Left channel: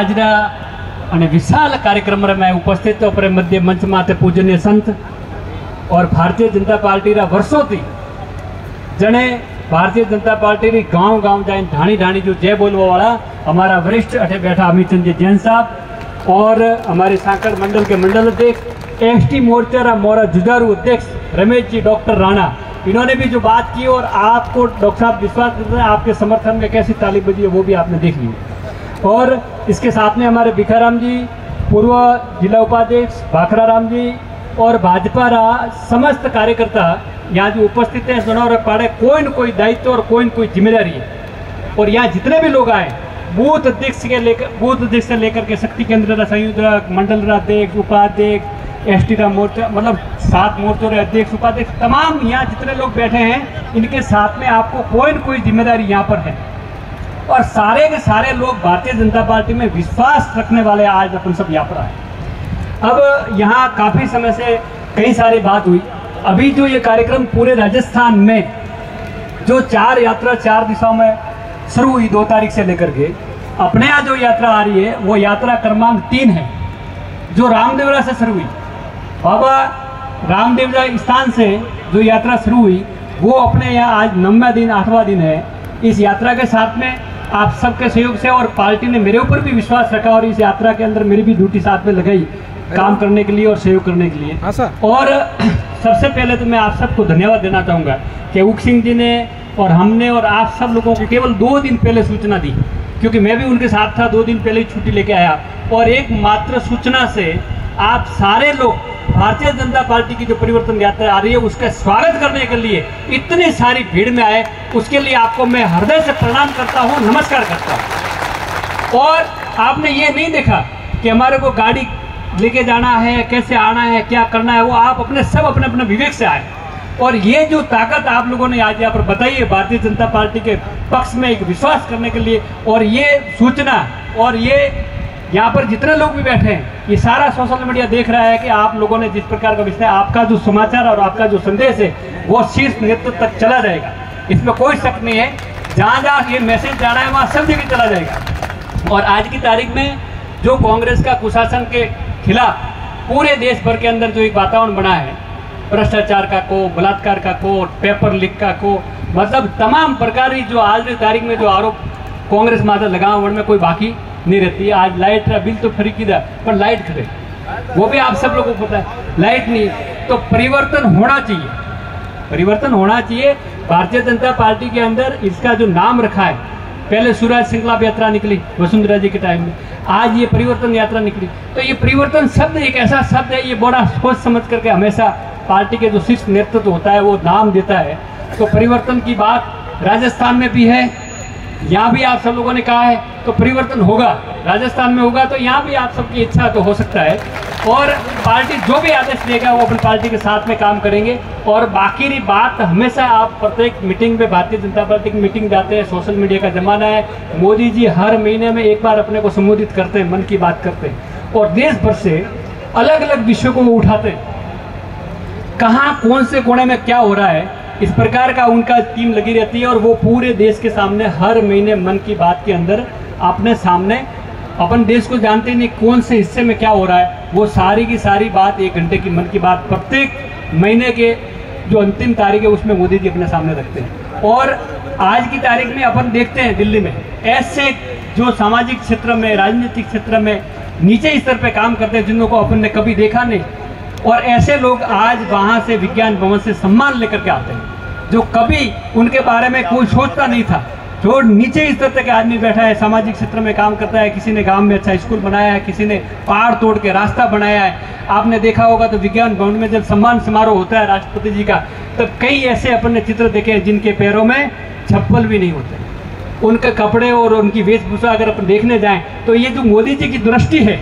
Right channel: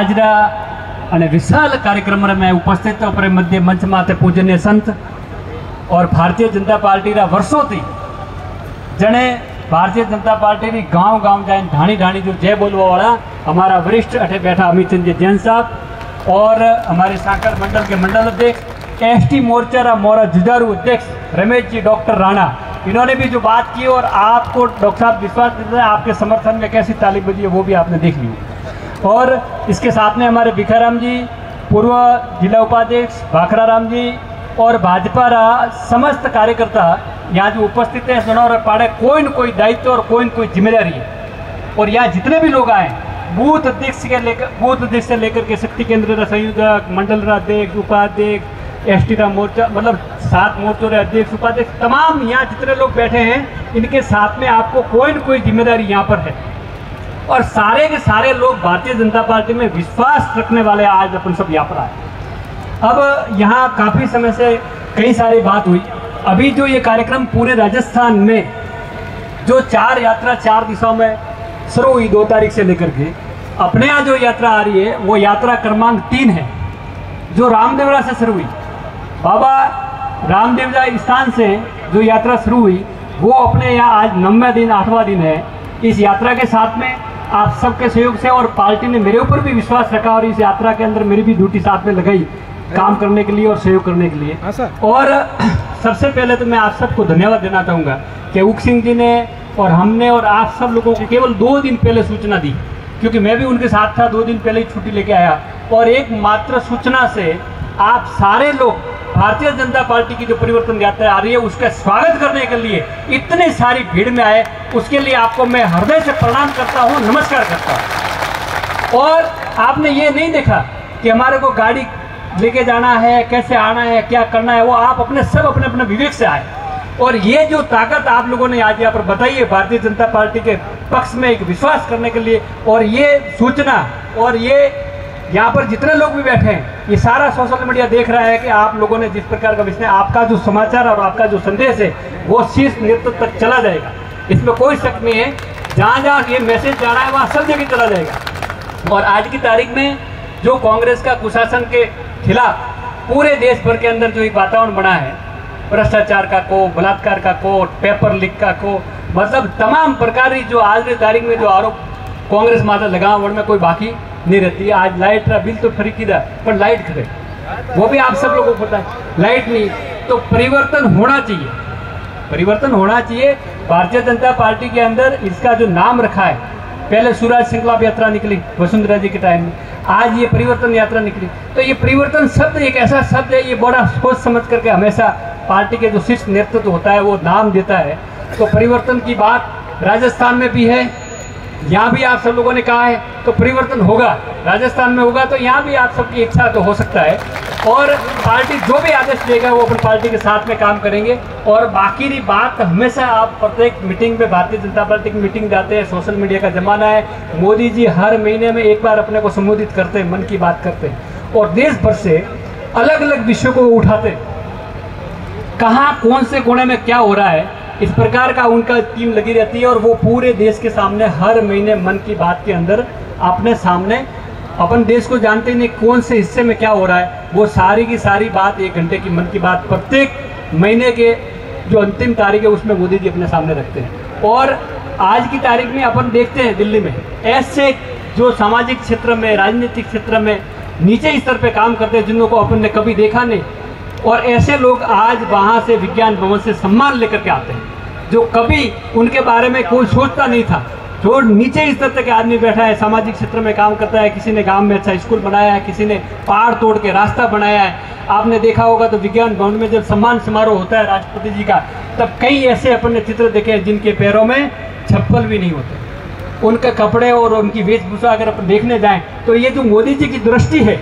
આજના અને વિશાળ કાર્યક્રમમાં મેં ઉપસ્થિત પર મધ્ય મંચ માથે પૂજનીય સંત और भारतीय जनता पार्टी वर्षों थी जने भारतीय जनता पार्टी गांव गांव जाए ढाणी ढाणी जो जय बोलवा वाला हमारा वरिष्ठ अठे बैठा अमित चंद जी जैन साहब और हमारे सांकड़ मंडल के मंडल अध्यक्ष एसटी मोर्चा मोरा जुझारू अध्यक्ष रमेश जी डॉक्टर राणा, इन्होंने भी जो बात की और आपको डॉक्टर साहब विश्वास देते हैं आपके समर्थन में कैसी ताली बजी है वो भी आपने देख ली। और इसके साथ में हमारे भिखाराम जी पूर्व जिला उपाध्यक्ष भाखराराम जी और भाजपा समस्त कार्यकर्ता यहाँ जो उपस्थित है सुनार पाड़े कोई न कोई दायित्व और कोई न कोई जिम्मेदारी है। और यहाँ जितने भी लोग आए बूथ अध्यक्ष से लेकर के शक्ति केंद्र संयोजक मंडल अध्यक्ष उपाध्यक्ष एसटी का मोर्चा मतलब 7 मोर्चों के अध्यक्ष उपाध्यक्ष तमाम यहाँ जितने लोग बैठे हैं इनके साथ में आपको कोई न कोई जिम्मेदारी यहाँ पर है। और सारे के सारे लोग भारतीय जनता पार्टी में विश्वास रखने वाले आज अपन सब यहाँ पर आए। अब यहाँ काफ़ी समय से कई सारी बात हुई। अभी जो ये कार्यक्रम पूरे राजस्थान में जो 4 यात्रा 4 दिशाओं में शुरू हुई 2 तारीख से लेकर के अपने यहाँ जो यात्रा आ रही है वो यात्रा क्रमांक 3 है जो रामदेवरा से शुरू हुई। बाबा रामदेवरा स्थान से जो यात्रा शुरू हुई वो अपने यहाँ आज 9वां दिन 8वां दिन है। इस यात्रा के साथ में आप सबके सहयोग से और पार्टी ने मेरे ऊपर भी विश्वास रखा और इस यात्रा के अंदर मेरी भी ड्यूटी साथ में लगाई काम करने के लिए और सहयोग करने के लिए। और सबसे पहले तो मैं आप सबको धन्यवाद देना चाहूँगा कि उक सिंह जी ने और हमने और आप सब लोगों को केवल 2 दिन पहले सूचना दी, क्योंकि मैं भी उनके साथ था। 2 दिन पहले छुट्टी लेके आया और एक मात्र सूचना से आप सारे लोग भारतीय जनता पार्टी की जो परिवर्तन यात्रा आ रही है उसका स्वागत करने के लिए इतनी सारी भीड़ में आए, उसके लिए आपको मैं हृदय से प्रणाम करता हूँ, नमस्कार करता हूँ। और आपने ये नहीं देखा कि हमारे को गाड़ी लेके जाना है, कैसे आना है, क्या करना है, वो आप अपने अपने विवेक से आए। और ये जो ताकत आप लोगों ने आज यहाँ पर बताई है भारतीय जनता पार्टी के पक्ष में एक विश्वास करने के लिए, और ये सूचना और ये यहाँ पर जितने लोग भी बैठे हैं ये सारा सोशल मीडिया देख रहा है कि आप लोगों ने जिस प्रकार का विषय आपका जो समाचार और आपका जो संदेश है वो शीर्ष नेतृत्व तक चला जाएगा, इसमें कोई शक नहीं है। जहाँ जहाँ ये मैसेज जा रहा है वहाँ सब जगह चला जाएगा। और आज की तारीख में जो कांग्रेस का कुशासन के खिलाफ पूरे देश भर के अंदर जो एक वातावरण बना है, भ्रष्टाचार का को, बलात्कार का को, पेपर लीक का को, मतलब तमाम प्रकार की जो आज की तारीख में जो आरोप कांग्रेस माता लगाव में कोई बाकी नहीं रहती है। आज लाइट का बिल तो फ्री की पर लाइट खरीद वो भी आप सब लोगों को पता है, लाइट नहीं तो परिवर्तन होना चाहिए, परिवर्तन होना चाहिए। भारतीय जनता पार्टी के अंदर इसका जो नाम रखा है, पहले सूरज संकल्प यात्रा निकली वसुंधरा जी के टाइम में, आज ये परिवर्तन यात्रा निकली। तो ये परिवर्तन शब्द एक ऐसा शब्द है, ये बड़ा सोच समझ करके हमेशा पार्टी के जो शीर्ष नेतृत्व होता है वो नाम देता है। तो परिवर्तन की बात राजस्थान में भी है, यहाँ भी आप सब लोगों ने कहा है तो परिवर्तन होगा, राजस्थान में होगा, तो यहाँ भी आप सबकी इच्छा तो हो सकता है। और पार्टी जो भी आदेश देगा वो अपनी पार्टी के साथ में काम करेंगे। और बाकी की बात हमेशा आप प्रत्येक मीटिंग में भारतीय जनता पार्टी की मीटिंग जाते हैं, सोशल मीडिया का जमाना है, मोदी जी हर महीने में एक बार अपने को संबोधित करते हैं, मन की बात करते हैं और देश भर से अलग अलग विषयों को वो उठाते हैं, कहाँ कौन से कोने में क्या हो रहा है, इस प्रकार का उनका टीम लगी रहती है। और वो पूरे देश के सामने हर महीने मन की बात के अंदर अपने सामने अपन देश को जानते नहीं कौन से हिस्से में क्या हो रहा है, वो सारी की सारी बात 1 घंटे की मन की बात प्रत्येक महीने के जो अंतिम तारीख है उसमें मोदी जी अपने सामने रखते हैं। और आज की तारीख में अपन देखते हैं दिल्ली में ऐसे जो सामाजिक क्षेत्र में, राजनीतिक क्षेत्र में नीचे स्तर पे काम करते हैं जिनको अपन ने कभी देखा नहीं, और ऐसे लोग आज वहाँ से विज्ञान भवन से सम्मान लेकर के आते हैं जो कभी उनके बारे में कोई सोचता नहीं था। जो नीचे स्तर तक आदमी बैठा है, सामाजिक क्षेत्र में काम करता है, किसी ने गांव में अच्छा स्कूल बनाया है, किसी ने पहाड़ तोड़ के रास्ता बनाया है। आपने देखा होगा तो विज्ञान भवन में जब सम्मान समारोह होता है राष्ट्रपति जी का, तब कई ऐसे अपन ने चित्र देखे हैं जिनके पैरों में चप्पल भी नहीं होते, उनके कपड़े और उनकी वेशभूषा अगर अपन देखने जाएं तो ये जो मोदी जी की दृष्टि है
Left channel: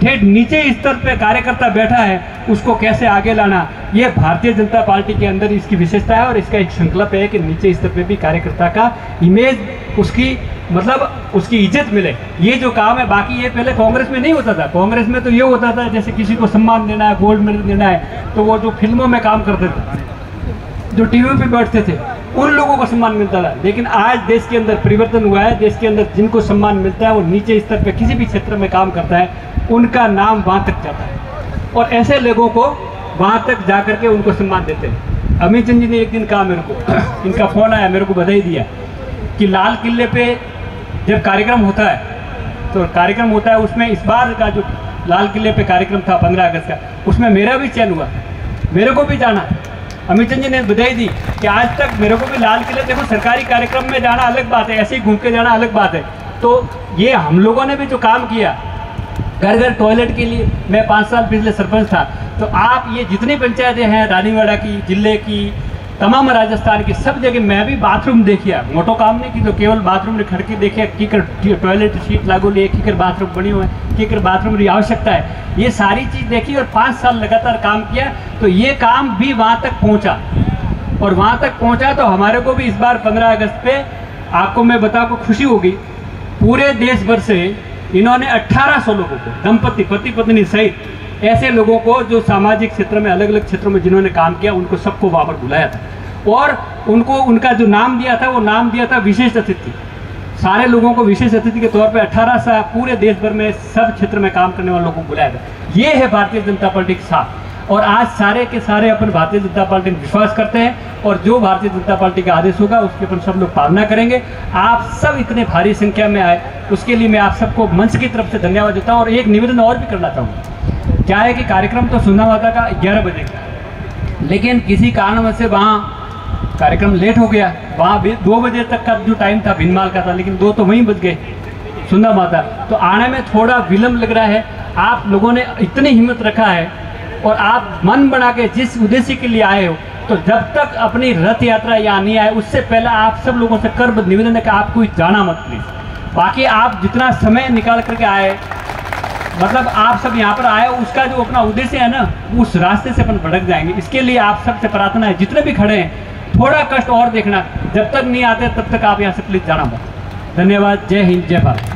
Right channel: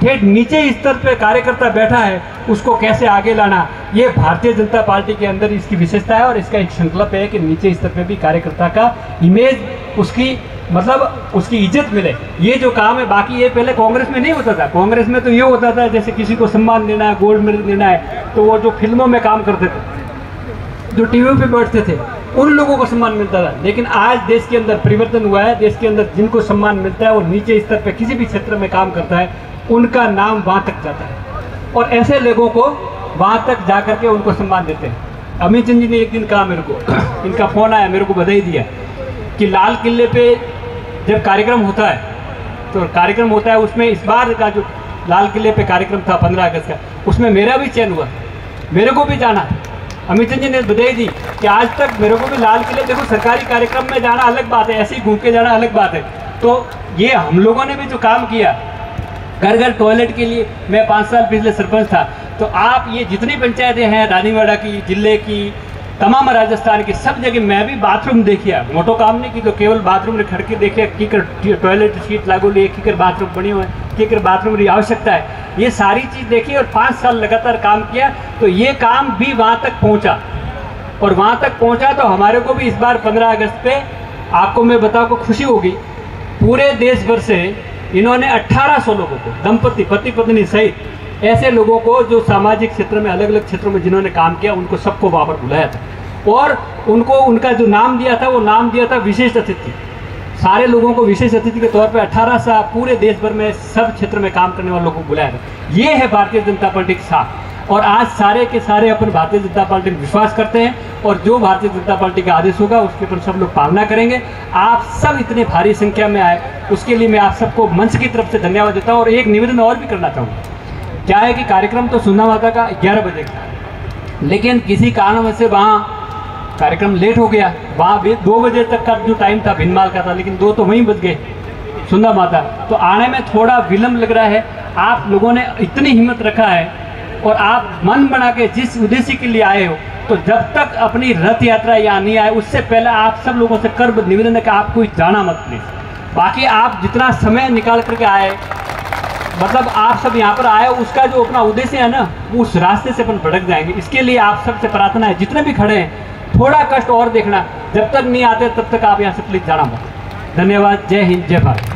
ठेठ नीचे स्तर पे कार्यकर्ता बैठा है उसको कैसे आगे लाना, ये भारतीय जनता पार्टी के अंदर इसकी विशेषता है। और इसका एक संकल्प है कि नीचे स्तर पे भी कार्यकर्ता का इमेज, उसकी मतलब उसकी इज्जत मिले। ये जो काम है, बाकी ये पहले कांग्रेस में नहीं होता था। कांग्रेस में तो ये होता था जैसे किसी को सम्मान देना है, गोल्ड मेडल देना है, तो वो जो फिल्मों में काम करते थे, जो टीवी पे बैठते थे, उन लोगों को सम्मान मिलता था। लेकिन आज देश के अंदर परिवर्तन हुआ है, देश के अंदर जिनको सम्मान मिलता है वो नीचे स्तर पे किसी भी क्षेत्र में काम करता है, उनका नाम वहाँ तक जाता है और ऐसे लोगों को वहाँ तक जा करके उनको सम्मान देते हैं। अमित चंद जी ने एक दिन कहा मेरे को, इनका फ़ोन आया, मेरे को बधाई दिया कि लाल किले पे जब कार्यक्रम होता है तो कार्यक्रम होता है उसमें इस बार का जो लाल किले पे कार्यक्रम था 15 अगस्त का, उसमें मेरा भी चयन हुआ, मेरे को भी जाना। अमित चंद जी ने बधाई दी कि आज तक मेरे को भी लाल किले, देखो सरकारी कार्यक्रम में जाना अलग बात है, ऐसे ही घूम के जाना अलग बात है। तो ये हम लोगों ने भी जो काम किया घर घर टॉयलेट के लिए, मैं 5 साल पिछले सरपंच था, तो आप ये जितनी पंचायतें हैं रानीवाड़ा की, जिले की, तमाम राजस्थान की, सब जगह मैं भी बाथरूम देखिया, मोटो काम नहीं की तो केवल बाथरूम ने खड़के देखिया की कर टॉयलेट सीट लागू लिए, की कर बाथरूम बनी हुए हैं, की कर बाथरूम की आवश्यकता है, ये सारी चीज़ देखी और 5 साल लगातार काम किया। तो ये काम भी वहाँ तक पहुँचा और वहाँ तक पहुँचा तो हमारे को भी इस बार 15 अगस्त पे आपको मैं बता को खुशी होगी, पूरे देश भर से इन्होंने 1800 लोगों को, दंपति पति पत्नी सहित ऐसे लोगों को जो सामाजिक क्षेत्र में अलग अलग क्षेत्रों में जिन्होंने काम किया, उनको सबको वहाँ पर बुलाया था और उनको उनका जो नाम दिया था वो नाम दिया था विशेष अतिथि। सारे लोगों को विशेष अतिथि के तौर पे 18 से पूरे देश भर में सब क्षेत्र में काम करने वालों को बुलाया था। ये है भारतीय जनता पार्टी के साथ और आज सारे के सारे अपन भारतीय जनता पार्टी में विश्वास करते हैं और जो भारतीय जनता पार्टी का आदेश होगा उसके ऊपर सब लोग पालना करेंगे। आप सब इतने भारी संख्या में आए उसके लिए मैं आप सबको मंच की तरफ से धन्यवाद देता हूँ। और एक निवेदन और भी करना चाहूँगा, क्या है कि कार्यक्रम तो सुनना माता का 11 बजे का, लेकिन किसी कारण से वहाँ कार्यक्रम लेट हो गया, वहाँ 2 बजे तक का जो टाइम था भिनमाल का था, लेकिन 2 तो वहीं बज गए सुंदा माता, तो आने में थोड़ा विलम्ब लग रहा है। आप लोगों ने इतनी हिम्मत रखा है और आप मन बना के जिस उद्देश्य के लिए आए हो, तो जब तक अपनी रथ यात्रा यहाँ नहीं आए उससे पहले आप सब लोगों से कर निवेदन है कि आप कोई जाना मत प्लीज। बाकी आप जितना समय निकाल करके आए, मतलब आप सब यहाँ पर आए, उसका जो अपना उद्देश्य है ना, उस रास्ते से अपन भटक जाएंगे। इसके लिए आप सबसे प्रार्थना है, जितने भी खड़े हैं थोड़ा कष्ट और देखना, जब तक नहीं आते तब तक आप यहाँ से प्लीज जाना मत। धन्यवाद। जय हिंद, जय भारत।